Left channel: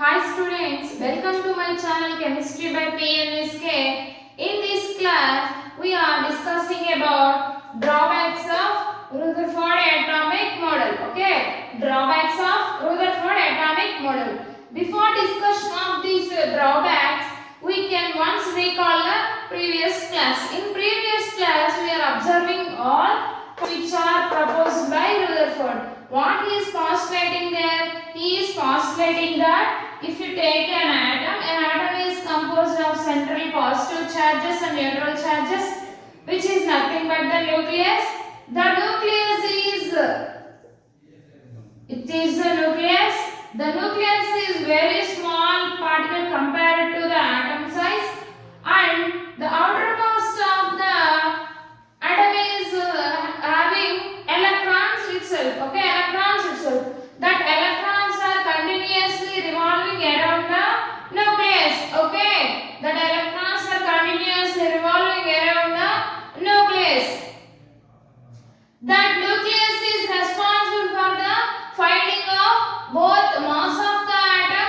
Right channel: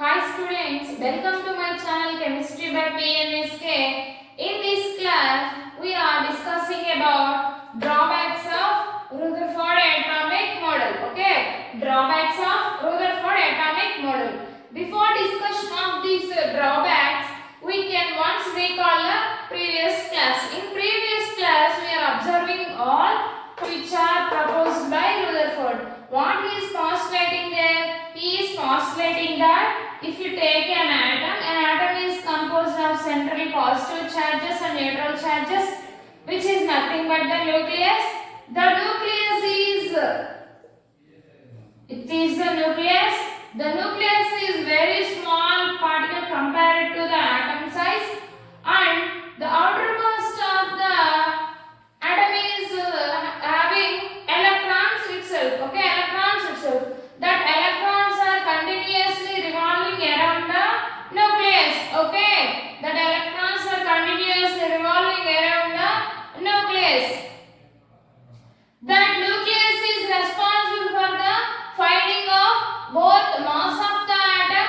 Hi students, welcome to my channel Chemistry by PNSK. In this class, we are discussing about drawbacks of Rutherford atomic model. Okay, drawbacks of Rutherford atomic model. Before discussion of these drawbacks, we can once recall the previous class. In previous class, we are observing all which are proposed by Rutherford. What he is postulating there? He is postulating that if you take an atom is composed of central positive charges and neutral charges, which is nothing but the nucleus. The nucleus is, it is the nucleus. The nucleus is very small particle compared to the atom size, and the outermost of the atom is having electrons itself. Okay, electrons itself. That electrons are continuously revolving around the nucleus. Okay, that electrons are continuously revolving around the nucleus. That nucleus is responsible for the finding of both mass of the atom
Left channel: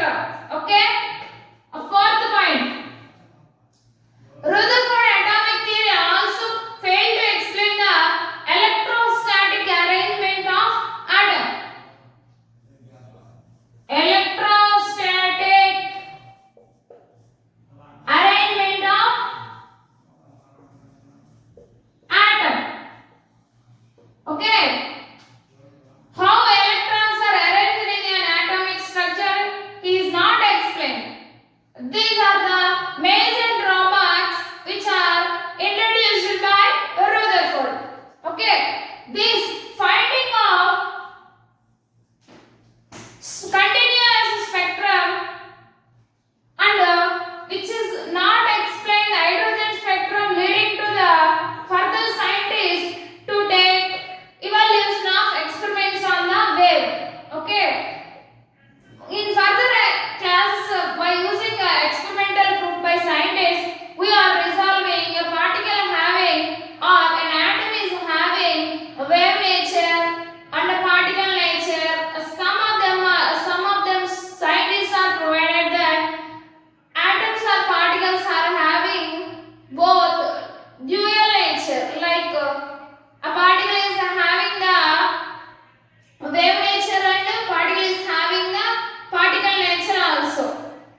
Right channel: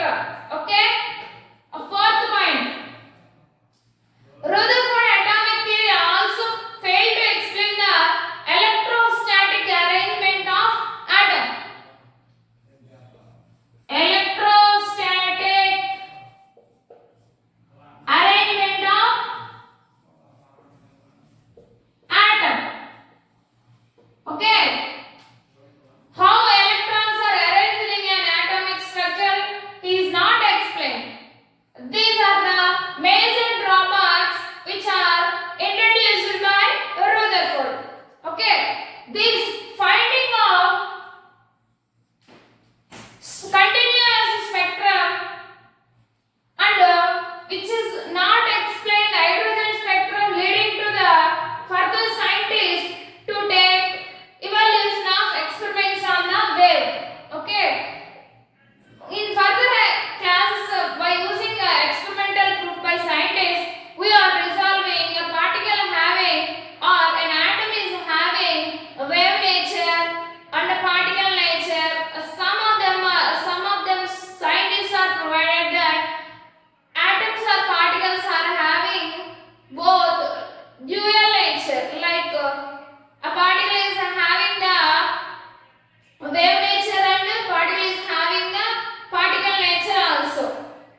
spectrum. Okay. A fourth point. Rutherford atomic theory also failed to explain the electrostatic arrangement of atom. Electrostatic arrangement of atom. Okay. How electrons are arranged in an atomic structure is not explained. These are the major drawbacks which are introduced by Rutherford. Okay. This finding of continuous spectrum and which is not explained hydrogen spectrum, leading to the further scientists to take evaluation of experiments on the wave. Okay. In further classes, by using experimental proof by scientists, we are resolving a particle having or an atom is having a wave nature and a particle nature. Some of them scientists are provided that atoms or particles are having both dual nature, like a particle is having the wave nature and a particle is having the particle nature also.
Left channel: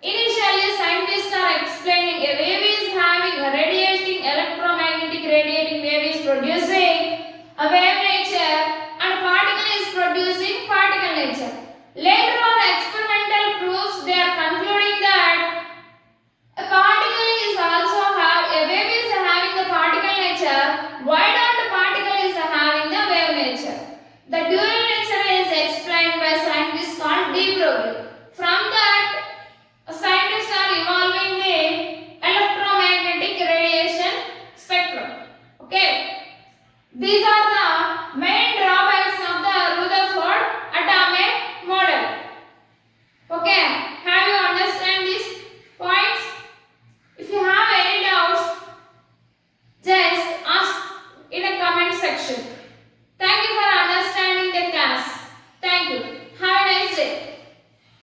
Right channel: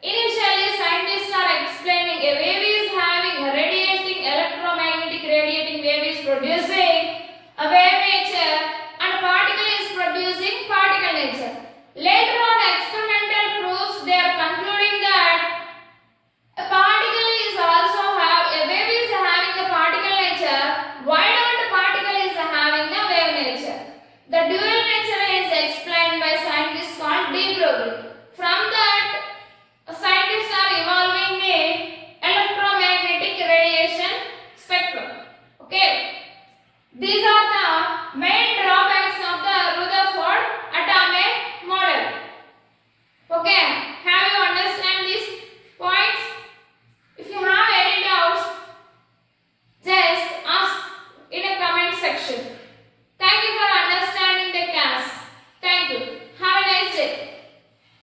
Initially, scientists are explaining a wave is having a radiating electromagnetic radiating wave is producing a wave nature and particle is producing particle nature. Later on, experimental proofs they are concluding that a particle is also a wave is having the particle nature. Why not the particle is having the wave nature? The dual nature is explained by scientists called de Broglie.